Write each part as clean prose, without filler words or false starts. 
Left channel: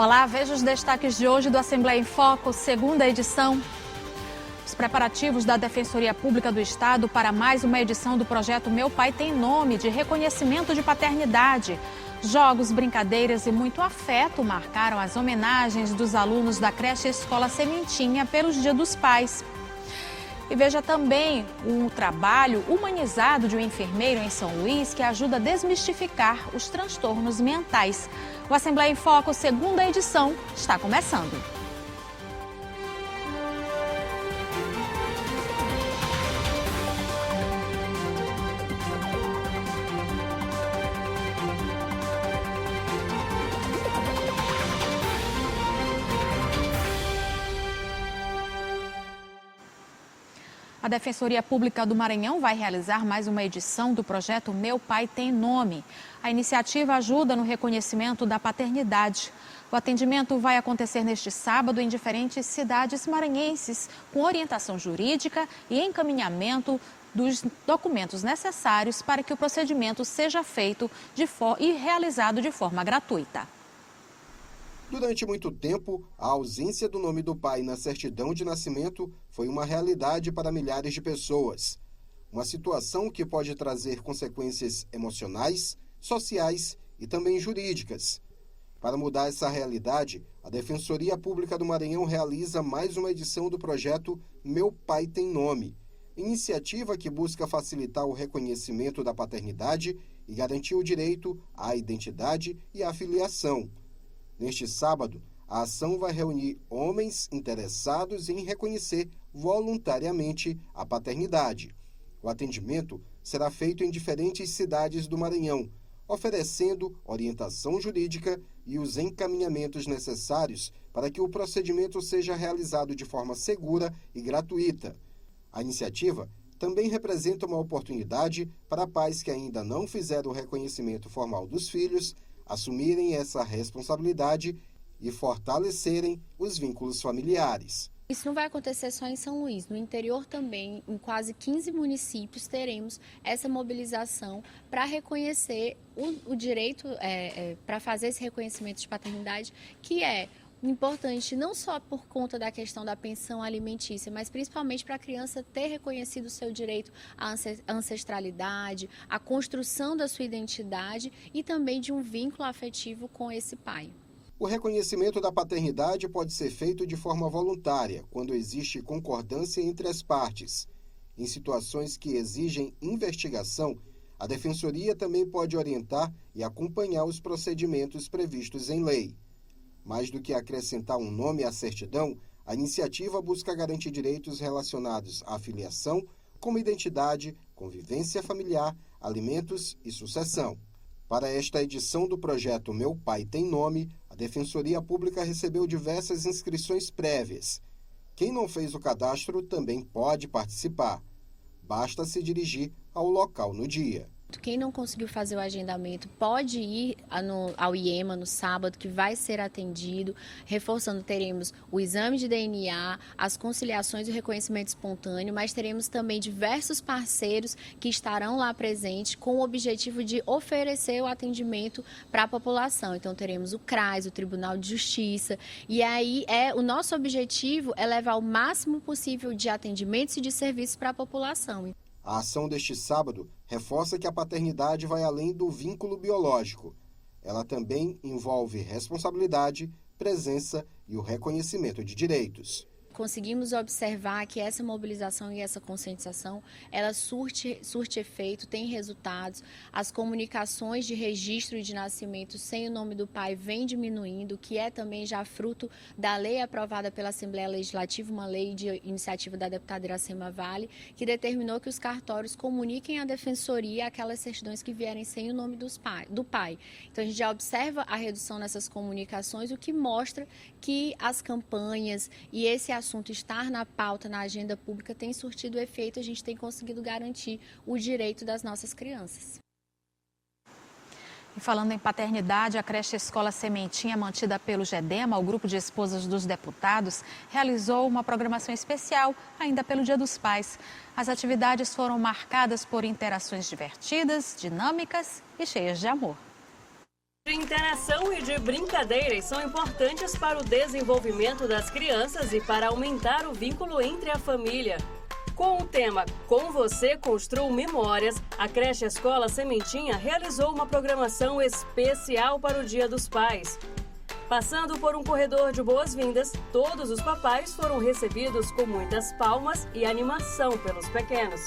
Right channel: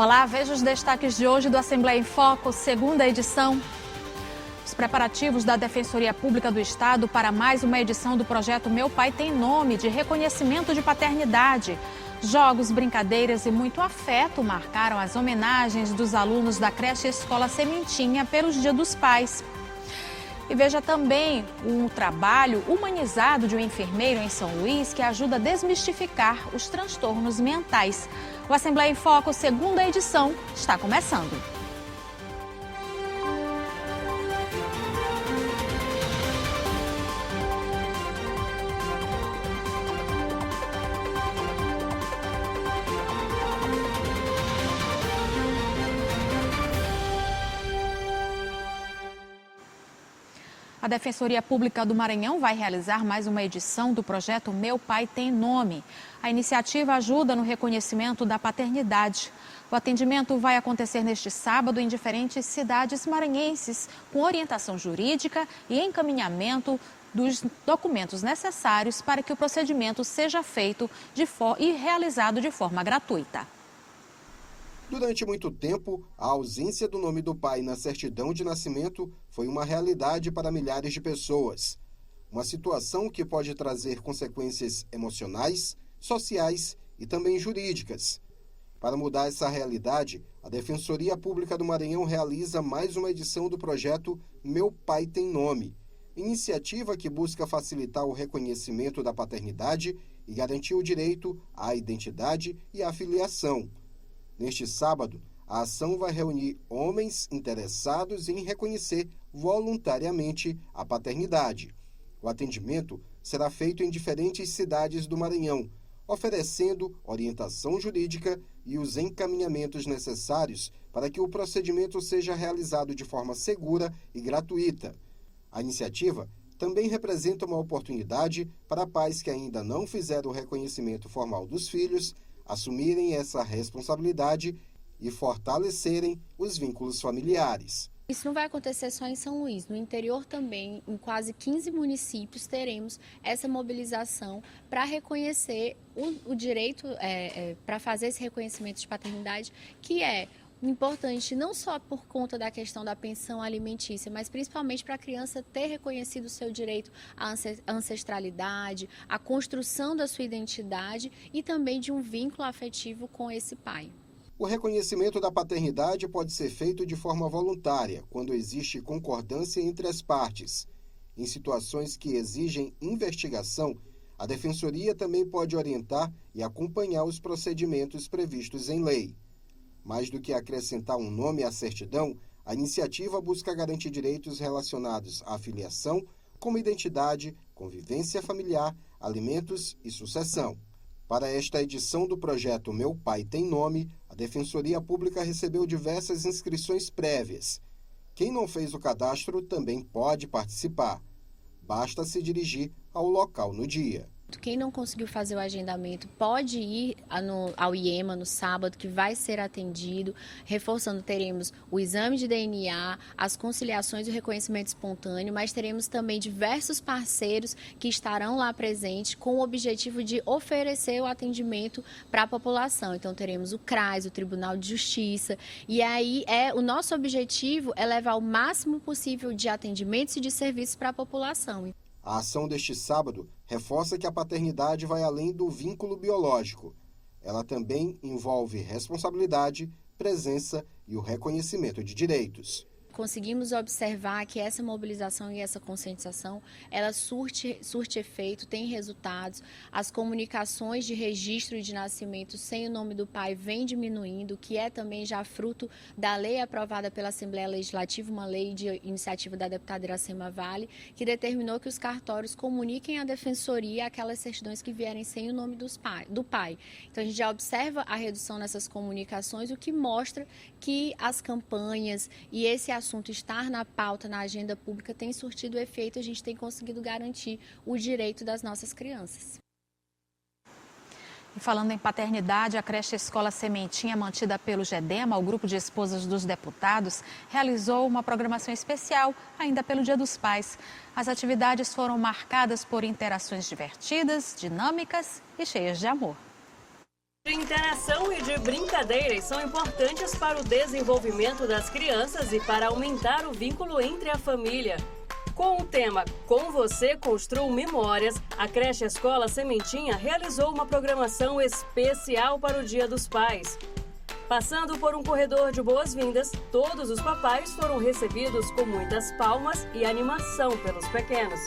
Olá, veja os destaques de hoje do Assembleia em Foco, segunda edição. Os preparativos da Defensoria Pública do Estado para mais uma edição do projeto Meu Pai Tem Nome, de reconhecimento de paternidade. Jogos, brincadeiras e muito afeto marcaram as homenagens dos alunos da creche Escola Sementinha pelos Dia dos Pais. E veja também um trabalho humanizado de um enfermeiro em São Luís que ajuda a desmistificar os transtornos mentais. O Assembleia em Foco, segunda edição, está começando. A Defensoria Pública do Maranhão vai realizar mais uma edição do projeto Meu Pai Tem Nome. A iniciativa ajuda no reconhecimento da paternidade. O atendimento vai acontecer neste sábado em diferentes cidades maranhenses, com orientação jurídica e encaminhamento dos documentos necessários para que o procedimento seja feito e realizado de forma gratuita. Durante muito tempo, a ausência do nome do pai na certidão de nascimento foi uma realidade para milhares de pessoas. Uma situação que pode trazer consequências emocionais, sociais e também jurídicas. Para mudar essa realidade, a Defensoria Pública do Maranhão realiza mais uma edição do projeto Meu Pai Tem Nome, iniciativa que busca facilitar o reconhecimento da paternidade e garantir o direito à identidade e à filiação. Neste sábado, a ação vai reunir homens interessados em reconhecer voluntariamente a paternidade. O atendimento será feito em diferentes cidades do Maranhão, oferecendo orientação jurídica e os encaminhamentos necessários para que o procedimento seja realizado de forma segura e gratuita. A iniciativa também representa uma oportunidade para pais que ainda não fizeram o reconhecimento formal dos filhos assumirem essa responsabilidade e fortalecerem os vínculos familiares. Isso não vai acontecer só em São Luís, no interior também, em quase 15 municípios, teremos essa mobilização para reconhecer o direito, para fazer esse reconhecimento de paternidade, que é importante não só por conta da questão da pensão alimentícia, mas principalmente para a criança ter reconhecido o seu direito à ancestralidade, à construção da sua identidade e também de um vínculo afetivo com esse pai. O reconhecimento da paternidade pode ser feito de forma voluntária, quando existe concordância entre as partes. Em situações que exigem investigação, a Defensoria também pode orientar e acompanhar os procedimentos previstos em lei. Mais do que acrescentar um nome à certidão, a iniciativa busca garantir direitos relacionados à filiação, como identidade, convivência familiar, alimentos e sucessão. Para esta edição do projeto Meu Pai Tem Nome, a Defensoria Pública recebeu diversas inscrições prévias. Quem não fez o cadastro também pode participar. Basta se dirigir ao local no dia. Quem não conseguiu fazer o agendamento pode ir ao IEMA no sábado, que vai ser atendido. Reforçando, teremos o exame de DNA, as conciliações e o reconhecimento espontâneo, mas teremos também diversos parceiros que estarão lá presentes com o objetivo de oferecer o atendimento para a população. Então, teremos o CRAS, o Tribunal de Justiça, e aí o nosso objetivo é levar o máximo possível de atendimentos e de serviços para a população. A ação deste sábado reforça que a paternidade vai além do vínculo biológico. Ela também envolve responsabilidade, presença e o reconhecimento de direitos. Conseguimos observar que essa mobilização e essa conscientização, ela surte efeito, tem resultados. As comunicações de registro de nascimento sem o nome do pai vem diminuindo, que é também já fruto da lei aprovada pela Assembleia Legislativa, uma lei de iniciativa da deputada Iracema Vale, que determinou que os cartórios comuniquem à Defensoria aquelas certidões que vierem sem o nome do pai. Então, a gente já observa a redução nessas comunicações, o que mostra que as campanhas e esse assunto estar na pauta, na agenda pública, tem surtido efeito e a gente tem conseguido garantir o direito das nossas crianças. E falando em paternidade, a creche Escola Sementinha, mantida pelo GEDEMA, o Grupo de Esposas dos Deputados, realizou uma programação especial ainda pelo Dia dos Pais. As atividades foram marcadas por interações divertidas, dinâmicas e cheias de amor. De interação e de brincadeiras são importantes para o desenvolvimento das crianças e para aumentar o vínculo entre a família. Com o tema Com Você Construo Memórias, a creche Escola Sementinha realizou uma programação especial para o Dia dos Pais. Passando por um corredor de boas-vindas, todos os papais foram recebidos com muitas palmas e animação pelos pequenos.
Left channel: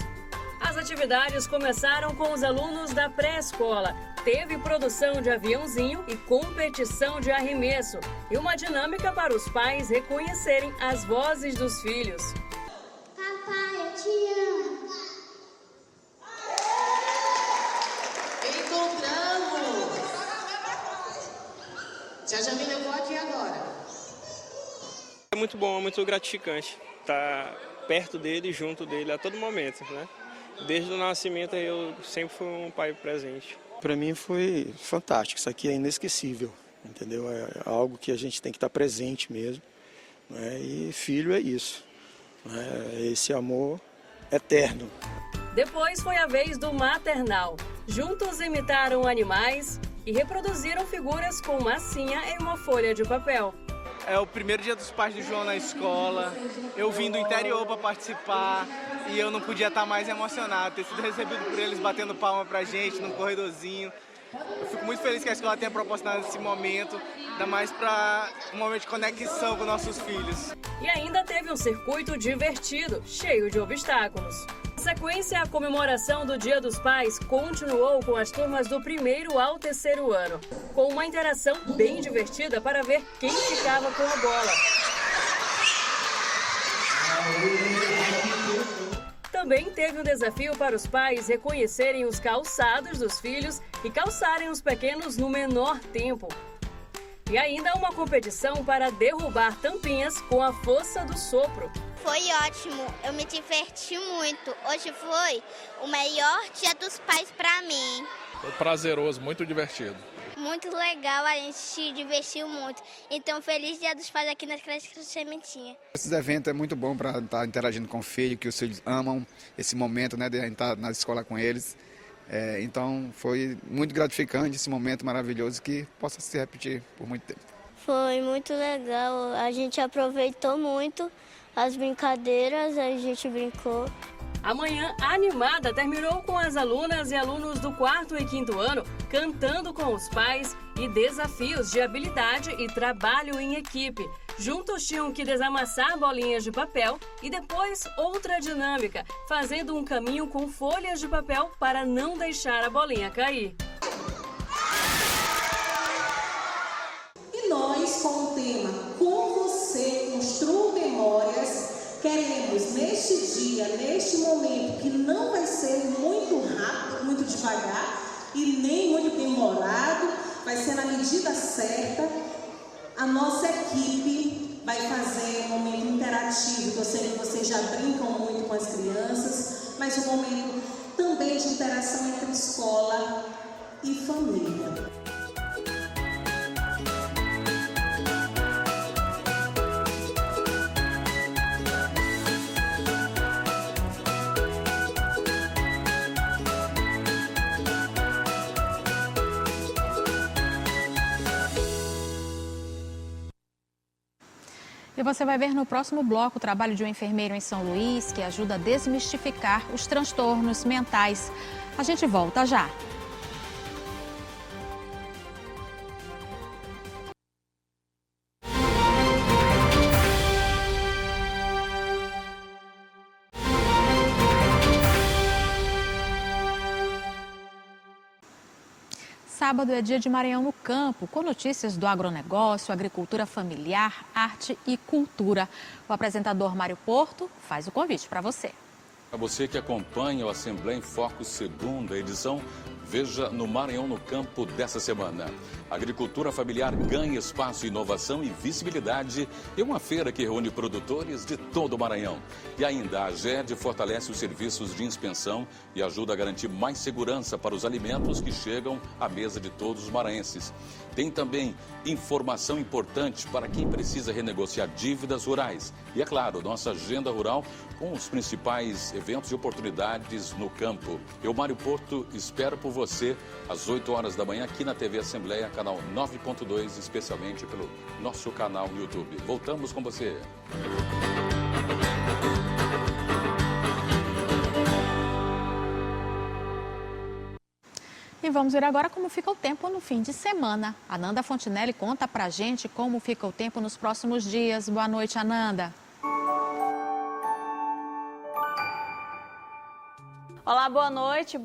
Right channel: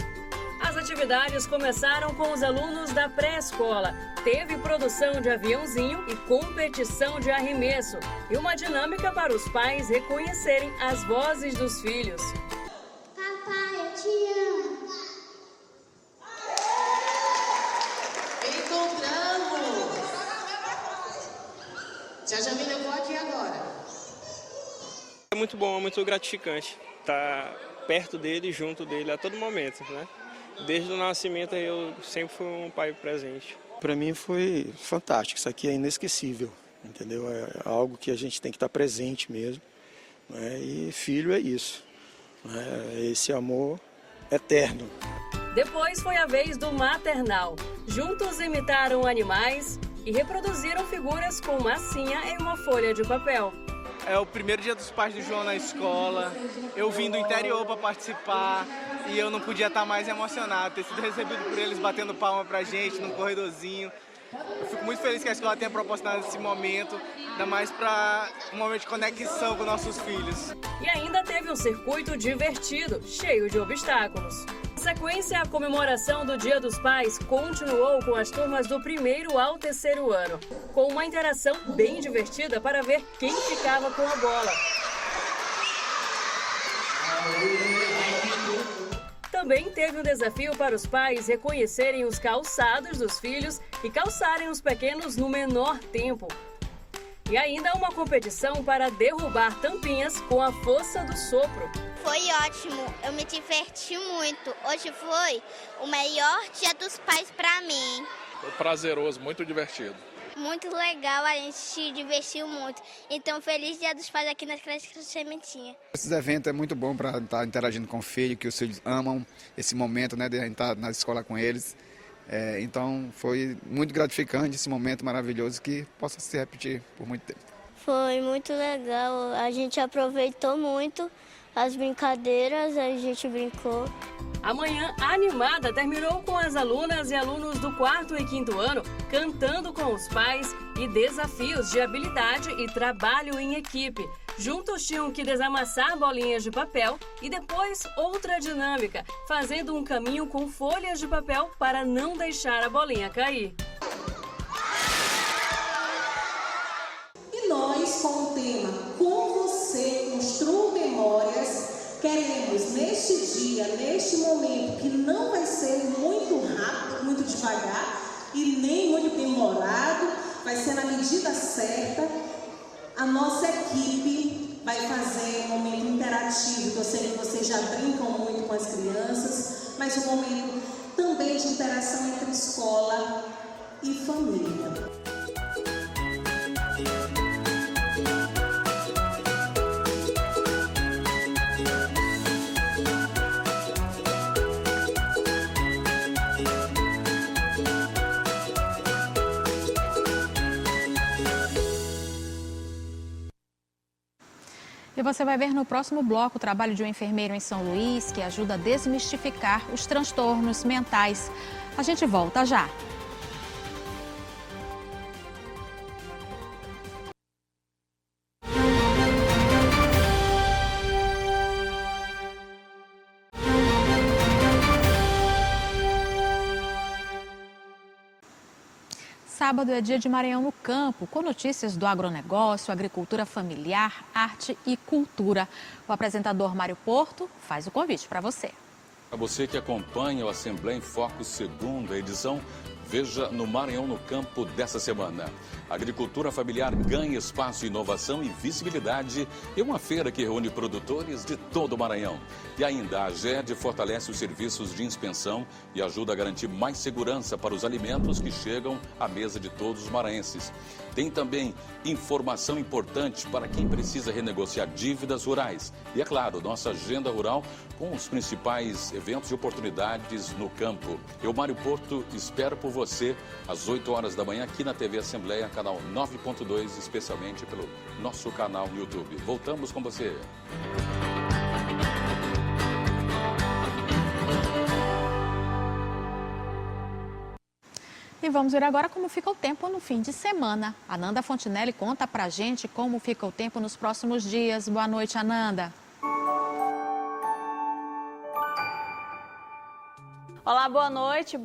As atividades começaram com os alunos da pré-escola. Teve produção de aviãozinho e competição de arremesso. E uma dinâmica para os pais reconhecerem as vozes dos filhos. Papai, eu te amo. Encontrando. Já me levou aqui agora. É muito bom, é muito gratificante estar perto dele, junto dele a todo momento, né? Desde o nascimento eu sempre fui um pai presente. Para mim foi fantástico, isso aqui é inesquecível, entendeu? É algo que a gente tem que estar presente mesmo, né? E filho é isso, né? Esse amor eterno. Depois foi a vez do maternal. Juntos imitaram animais e reproduziram figuras com massinha em uma folha de papel. É o primeiro dia dos pais do João na escola, eu vim do interior para participar. E eu não podia estar mais emocionado, ter sido recebido por eles batendo palma pra gente num corredorzinho. Eu fico muito feliz que a escola tenha proporcionado esse momento, ainda mais para um momento de conexão com nossos filhos. E ainda teve um circuito divertido, cheio de obstáculos. Na sequência, a comemoração do Dia dos Pais continuou com as turmas do 1º ao 3º ano, com uma interação bem divertida para ver quem ficava com a bola. Também teve um desafio para os pais reconhecerem os calçados dos filhos e calçarem os pequenos no menor tempo. E ainda uma competição para derrubar tampinhas com a força do sopro. Foi ótimo, eu me diverti muito. Hoje foi o melhor Dia dos Pais para mim. Foi prazeroso, muito divertido. Muito legal, a gente se divertiu muito. Então, feliz Dia dos Pais aqui na creche Sementinha. Esses eventos é muito bom para estar interagindo com o filho, que os filhos amam esse momento, né, de estar na escola com eles. Então, foi muito gratificante esse momento maravilhoso que possa se repetir por muito tempo. Foi muito legal, a gente aproveitou muito as brincadeiras, a gente brincou. A manhã animada terminou com as alunas e alunos do 4º e 5º ano cantando com os pais e desafios de habilidade e trabalho em equipe. Juntos tinham que desamassar bolinhas de papel e depois outra dinâmica, fazendo um caminho com folhas de papel para não deixar a bolinha cair. E nós, com o tema Com Você Construo Memórias, queremos neste dia, neste momento, que não vai ser muito rápido, muito devagar e nem muito demorado, vai ser na medida certa, a nossa equipe vai fazer um momento interativo. Eu sei que vocês já brincam muito com as crianças, mas um momento também de interação entre escola e família. E você vai ver no próximo bloco o trabalho de um enfermeiro em São Luís que ajuda a desmistificar os transtornos mentais. A gente volta já. Sábado é dia de Maranhão no Campo, com notícias do agronegócio, agricultura familiar, arte e cultura. O apresentador Mário Porto faz o convite para você. Para você que acompanha o Assembleia em Foco, segunda edição, veja no Maranhão no Campo dessa semana. A agricultura familiar ganha espaço, inovação e visibilidade em uma feira que reúne produtores de todo o Maranhão. E ainda a AGED fortalece os serviços de inspeção e ajuda a garantir mais segurança para os alimentos que chegam à mesa de todos os maranhenses. Tem também informação importante para quem precisa renegociar dívidas rurais. E é claro, nossa agenda rural com os principais eventos e oportunidades no campo. Eu, Mário Porto, espero por você às 8 horas da manhã aqui na TV Assembleia, canal 9.2, especialmente pelo nosso canal no YouTube. Voltamos com você. E vamos ver agora como fica o tempo no fim de semana. Ananda Fontinelli conta pra gente como fica o tempo nos próximos dias. Boa noite, Ananda. Olá, boa noite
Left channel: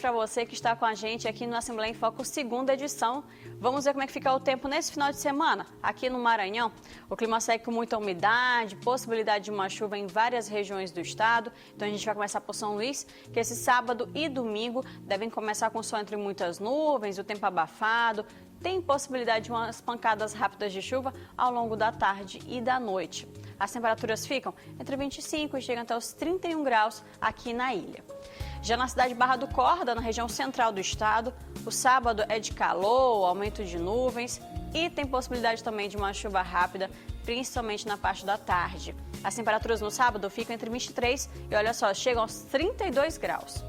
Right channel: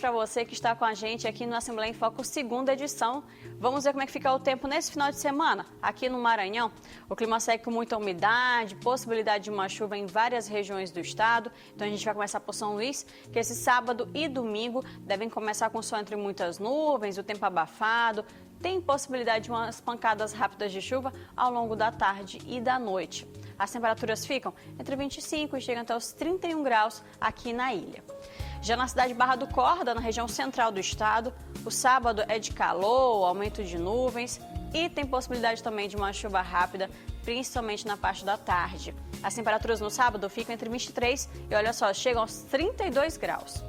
para você que está com a gente aqui no Assembleia em Foco, segunda edição. Vamos ver como é que fica o tempo nesse final de semana. Aqui no Maranhão, o clima segue com muita umidade, possibilidade de uma chuva em várias regiões do estado. Então a gente vai começar por São Luís, que esse sábado e domingo devem começar com sol entre muitas nuvens, o tempo abafado. Tem possibilidade de umas pancadas rápidas de chuva ao longo da tarde e da noite. As temperaturas ficam entre 25 e chegam até os 31 graus aqui na ilha. Já na cidade de Barra do Corda, na região central do estado, o sábado é de calor, aumento de nuvens e tem possibilidade também de uma chuva rápida, principalmente na parte da tarde. As temperaturas no sábado ficam entre 23 e, olha só, chegam aos 32 graus.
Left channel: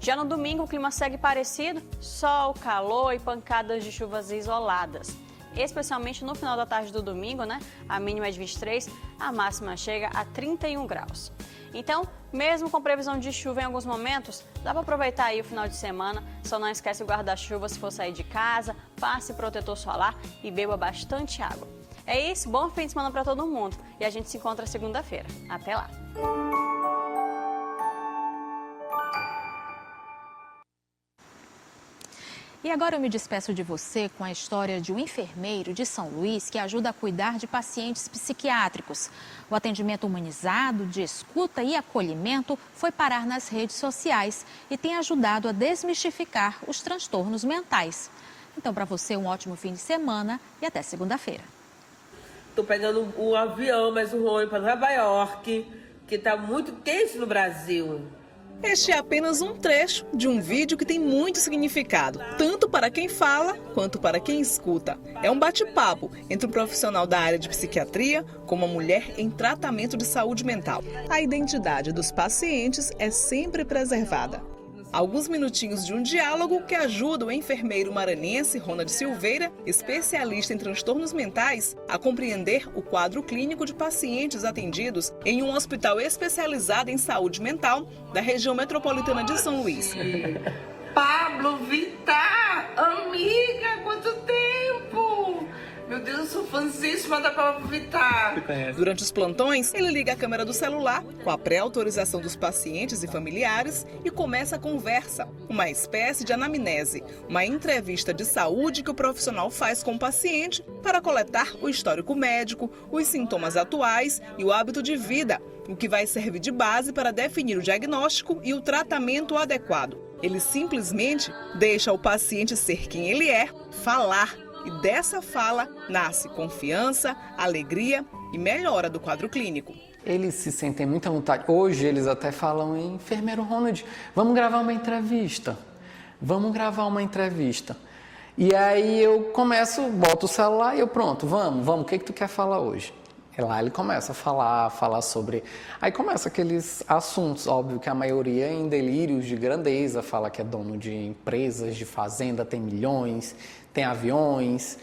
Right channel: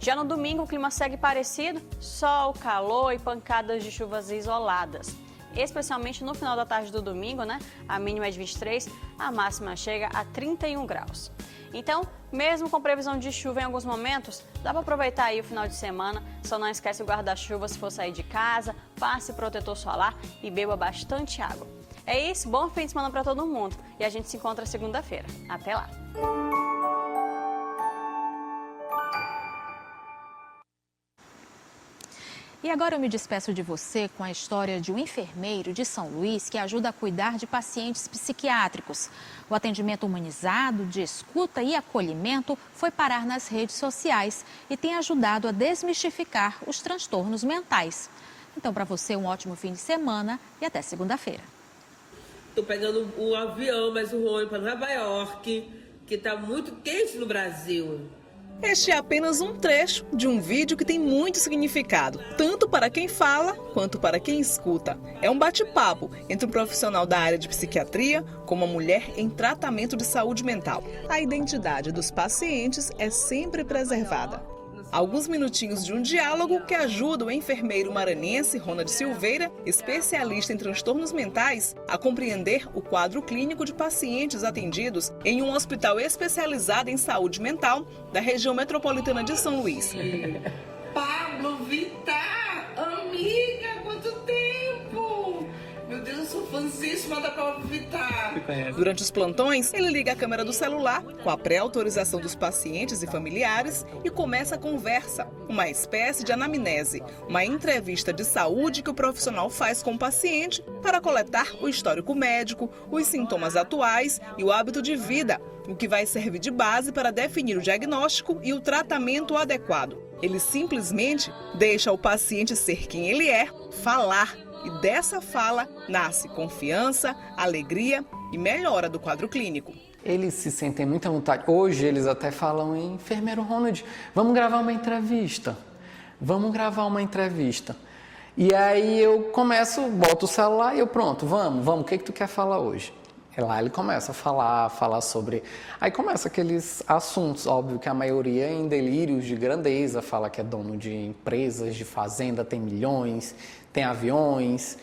Já no domingo, o clima segue parecido, sol, calor e pancadas de chuvas isoladas. Especialmente no final da tarde do domingo, né? A mínima é de 23, a máxima chega a 31 graus. Então, mesmo com previsão de chuva em alguns momentos, dá para aproveitar aí o final de semana. Só não esquece o guarda-chuva se for sair de casa, passe protetor solar e beba bastante água. É isso, bom fim de semana para todo mundo e a gente se encontra segunda-feira. Até lá! E agora eu me despeço de você com a história de um enfermeiro de São Luís que ajuda a cuidar de pacientes psiquiátricos. O atendimento humanizado, de escuta e acolhimento foi parar nas redes sociais e tem ajudado a desmistificar os transtornos mentais. Então, para você, um ótimo fim de semana e até segunda-feira. Estou pegando o avião, mas o voo para Nova York, que está muito quente no Brasil. Este é apenas um trecho de um vídeo que tem muito significado, tanto para quem fala quanto para quem escuta. É um bate-papo entre um profissional da área de psiquiatria com uma mulher em tratamento de saúde mental. A identidade dos pacientes é sempre preservada. Alguns minutinhos de um diálogo que ajuda o enfermeiro maranhense Ronald Silveira, especialista em transtornos mentais, a compreender o quadro clínico de pacientes atendidos em um hospital especializado em saúde mental da região metropolitana de São Luís. Pablo Vittar, amiga, quanto tempo! Meu Deus, eu sou fãzíssima da Pablo Vittar. Durante os plantões, ele liga a câmera do celular com a pré-autorização dos pacientes e familiares e começa a conversa, uma espécie de anamnese, uma entrevista de saúde que o profissional faz com o paciente para coletar o histórico médico, os sintomas atuais e o hábito de vida, o que vai servir de base para definir o diagnóstico e o tratamento adequado. Ele simplesmente deixa o paciente ser quem ele é, falar. E dessa fala nasce confiança, alegria e melhora do quadro clínico. Eles se sentem muita vontade. Hoje eles até falam em enfermeiro Ronald, vamos gravar uma entrevista. E aí eu começo, boto o celular e eu pronto, vamos, o que tu quer falar hoje? E lá ele começa a falar sobre... Aí começa aqueles assuntos, óbvio que a maioria é em delírios de grandeza, fala que é dono de empresas, de fazenda, tem milhões, tem aviões,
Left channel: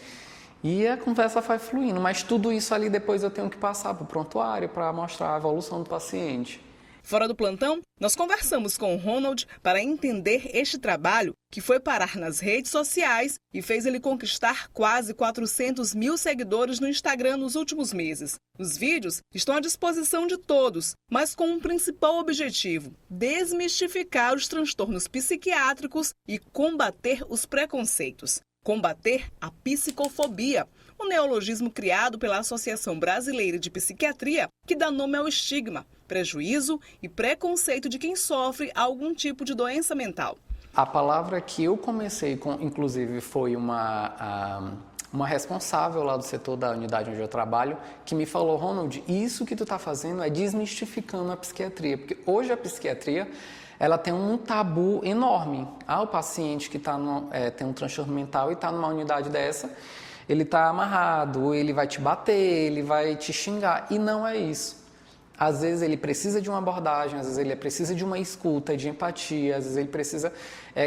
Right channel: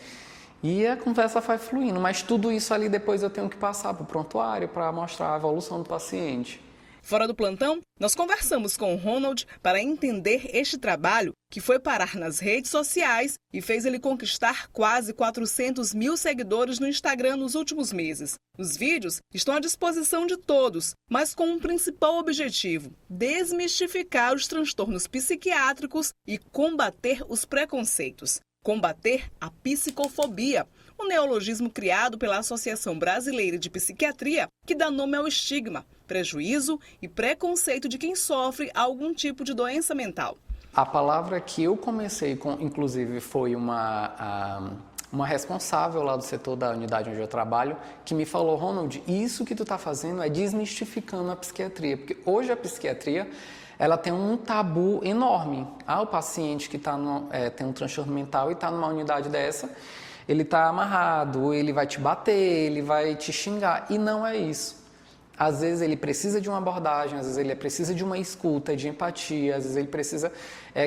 e a conversa vai fluindo. Mas tudo isso ali depois eu tenho que passar para o prontuário para mostrar a evolução do paciente. Fora do plantão, nós conversamos com o Ronald para entender este trabalho que foi parar nas redes sociais e fez ele conquistar quase 400 mil seguidores no Instagram nos últimos meses. Os vídeos estão à disposição de todos, mas com um principal objetivo: desmistificar os transtornos psiquiátricos e combater os preconceitos. Combater a psicofobia, um neologismo criado pela Associação Brasileira de Psiquiatria que dá nome ao estigma, prejuízo e preconceito de quem sofre algum tipo de doença mental. A palavra que eu comecei com, inclusive, foi uma responsável lá do setor da unidade onde eu trabalho, que me falou: Ronald, isso que tu está fazendo é desmistificando a psiquiatria, porque hoje a psiquiatria ela tem um tabu enorme. O paciente que tem um transtorno mental e está numa unidade dessa, ele está amarrado, ele vai te bater, ele vai te xingar. E não é isso. Às vezes ele precisa de uma abordagem, às vezes ele precisa de uma escuta, de empatia, às vezes ele precisa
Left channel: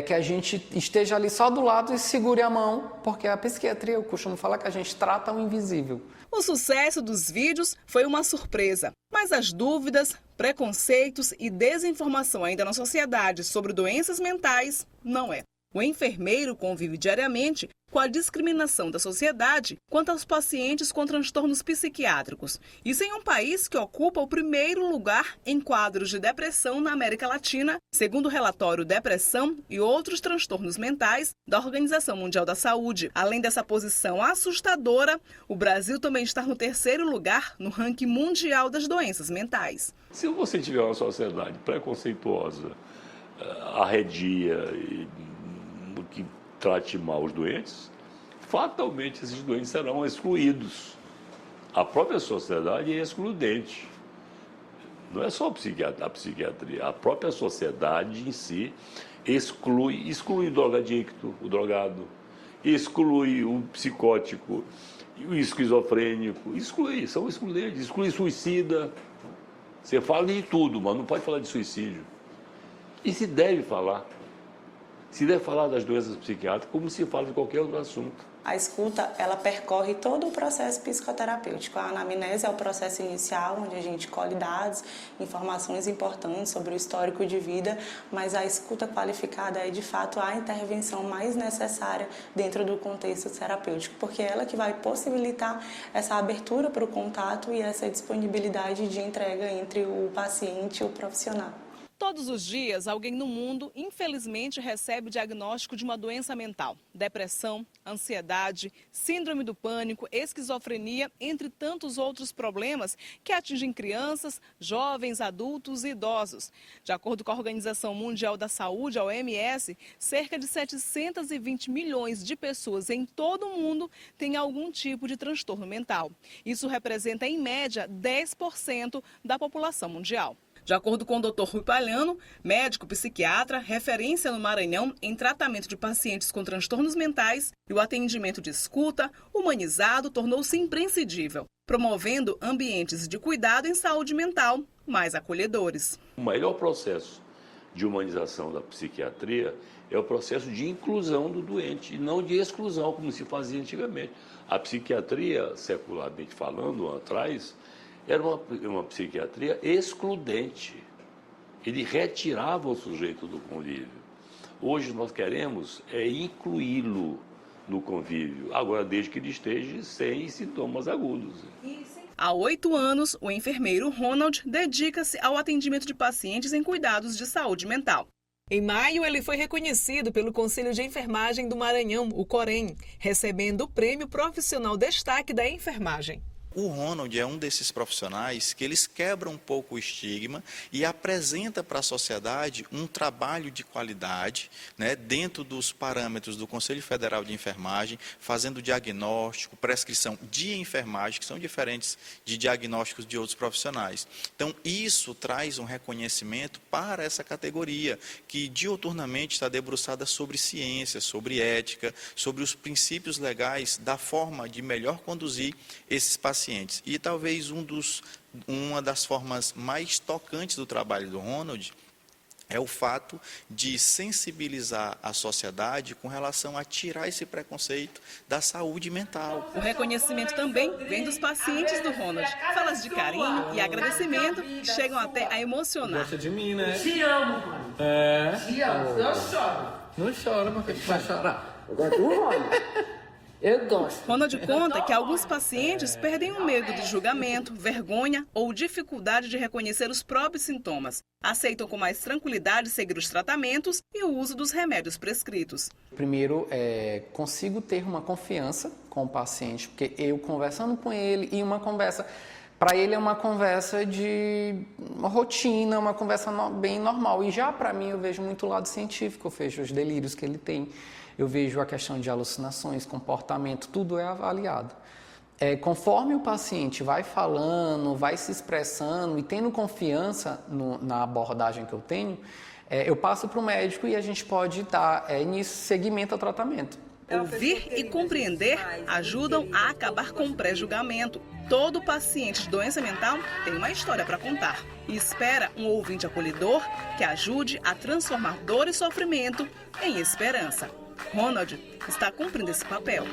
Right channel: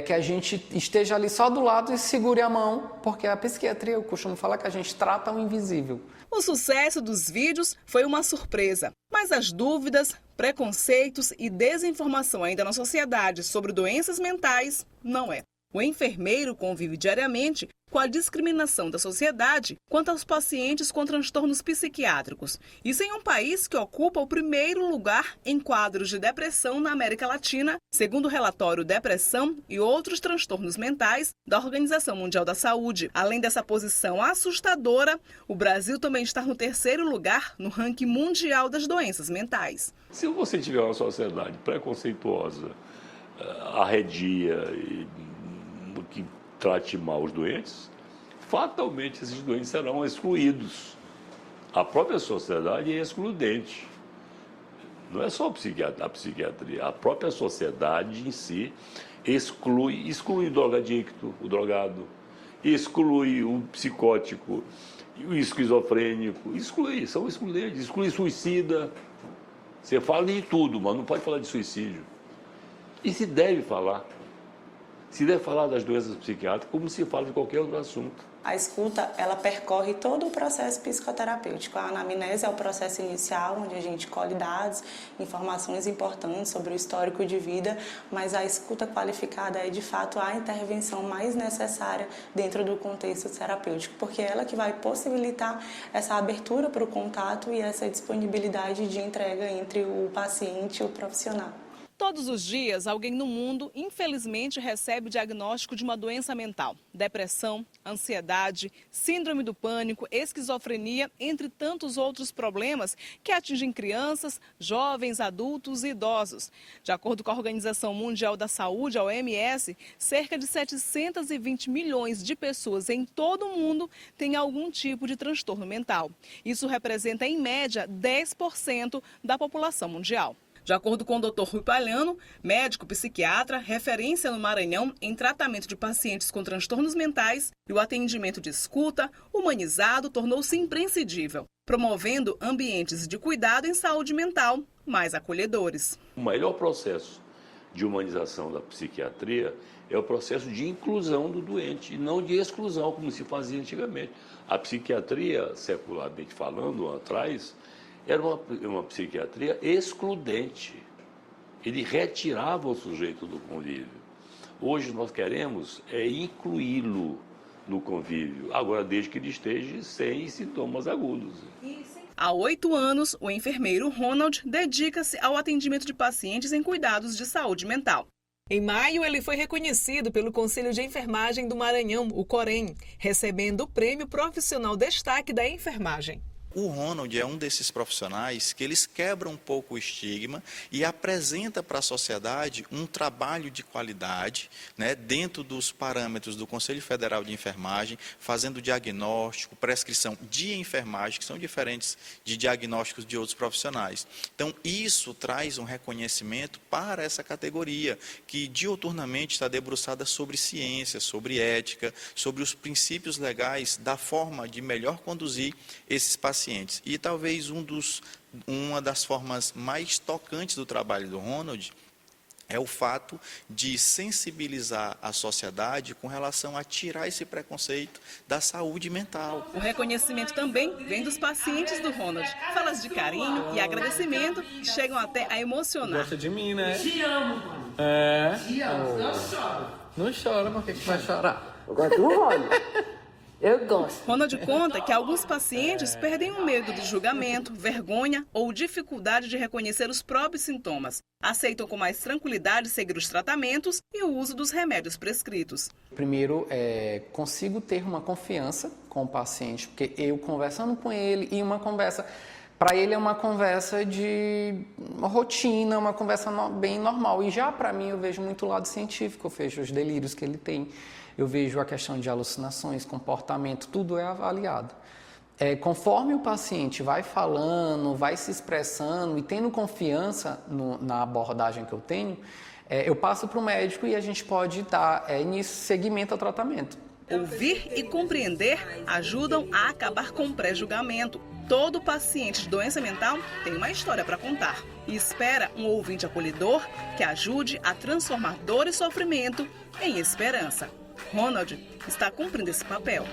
que a gente esteja ali só do lado e segure a mão, porque a psiquiatria, eu costumo falar que a gente trata o invisível. O sucesso dos vídeos foi uma surpresa, mas as dúvidas, preconceitos e desinformação ainda na sociedade sobre doenças mentais não é. O enfermeiro convive diariamente com a discriminação da sociedade quanto aos pacientes com transtornos psiquiátricos. Isso em um país que ocupa o primeiro lugar em quadros de depressão na América Latina, segundo o relatório Depressão e Outros Transtornos Mentais da Organização Mundial da Saúde. Além dessa posição assustadora, o Brasil também está no 3º lugar no ranking mundial das doenças mentais. Se você tiver uma sociedade preconceituosa, arredia e que trate mal os doentes, fatalmente esses doentes serão excluídos. A própria sociedade é excludente. Não é só a psiquiatria, a própria sociedade em si exclui o drogadicto, o drogado, exclui o psicótico, o esquizofrênico, são excludentes, exclui suicida. Você fala de tudo, mas não pode falar de suicídio. E se deve falar. Se deve falar das doenças psiquiátricas como se fala de qualquer outro assunto. A escuta, ela percorre todo o processo psicoterapêutico. A anamnese é o processo inicial, onde a gente colhe dados, informações importantes sobre o histórico de vida, mas a escuta qualificada é, de fato, a intervenção mais necessária dentro do contexto terapêutico, porque é ela que vai possibilitar essa abertura para o contato e essa disponibilidade de entrega entre o paciente e o profissional. Todos os dias, alguém no mundo, infelizmente, recebe o diagnóstico de uma doença mental. Depressão, ansiedade, síndrome do pânico, esquizofrenia, entre tantos outros problemas que atingem crianças, jovens, adultos e idosos. De acordo com a Organização Mundial da Saúde, a OMS, cerca de 720 milhões de pessoas em todo o mundo têm algum tipo de transtorno mental. Isso representa, em média, 10% da população mundial. De acordo com o Dr. Rui Palhano, médico psiquiatra, referência no Maranhão em tratamento de pacientes com transtornos mentais, e o atendimento de escuta humanizado tornou-se imprescindível, promovendo ambientes de cuidado em saúde mental mais acolhedores. O maior processo de humanização da psiquiatria é o processo de inclusão do doente, e não de exclusão, como se fazia antigamente. A psiquiatria, secularmente falando, atrás, era uma psiquiatria excludente. Ele retirava o sujeito do convívio. Hoje nós queremos incluí-lo no convívio, agora desde que ele esteja sem sintomas agudos. Há 8 anos, o enfermeiro Ronald dedica-se ao atendimento de pacientes em cuidados de saúde mental. Em maio, ele foi reconhecido pelo Conselho de Enfermagem do Maranhão, o COREN, recebendo o Prêmio Profissional Destaque da Enfermagem. O Ronald é um desses profissionais que eles quebram um pouco o estigma e apresenta para a sociedade um trabalho de qualidade, né, dentro dos parâmetros do Conselho Federal de Enfermagem, fazendo diagnóstico, prescrição de enfermagem, que são diferentes de diagnósticos de outros profissionais. Então, isso traz um reconhecimento para essa categoria, que diuturnamente está debruçada sobre ciência, sobre ética, sobre os princípios legais da forma de melhor conduzir esses pacientes. E talvez uma das formas mais tocantes do trabalho do Ronald é o fato de sensibilizar a sociedade com relação a tirar esse preconceito da saúde mental. O reconhecimento também vem dos pacientes do Ronald. Falas de carinho e agradecimento chegam até a emocionar. Gosta de mim, né? Te amo, mano. Te amo, eu choro. Não chora, porque tu vai chorar. Eu gosto do Ronald. Eu gosto. Ronald conta que alguns pacientes perdem o medo de julgamento, vergonha ou dificuldade de reconhecer os próprios sintomas. Aceitam com mais tranquilidade seguir os tratamentos e o uso dos remédios prescritos. Primeiro, consigo ter uma confiança com o paciente, porque eu conversando com ele e uma conversa... Para ele é uma conversa de rotina, uma conversa bem normal. E já para mim eu vejo muito o lado científico, eu vejo os delírios que ele tem. Eu vejo a questão de alucinações, comportamento, tudo é avaliado. Conforme o paciente vai falando, vai se expressando e tendo confiança na abordagem que eu tenho, eu passo para o médico e a gente pode dar seguimento ao tratamento. Ouvir e compreender ajudam a acabar com o pré-julgamento. Todo paciente de doença mental tem uma história para contar e espera um ouvinte acolhedor que ajude a transformar dor e sofrimento em esperança. Ronald está cumprindo esse papel.